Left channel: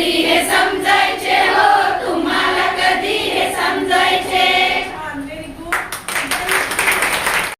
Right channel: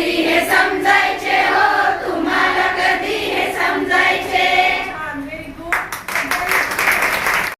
Nadi is.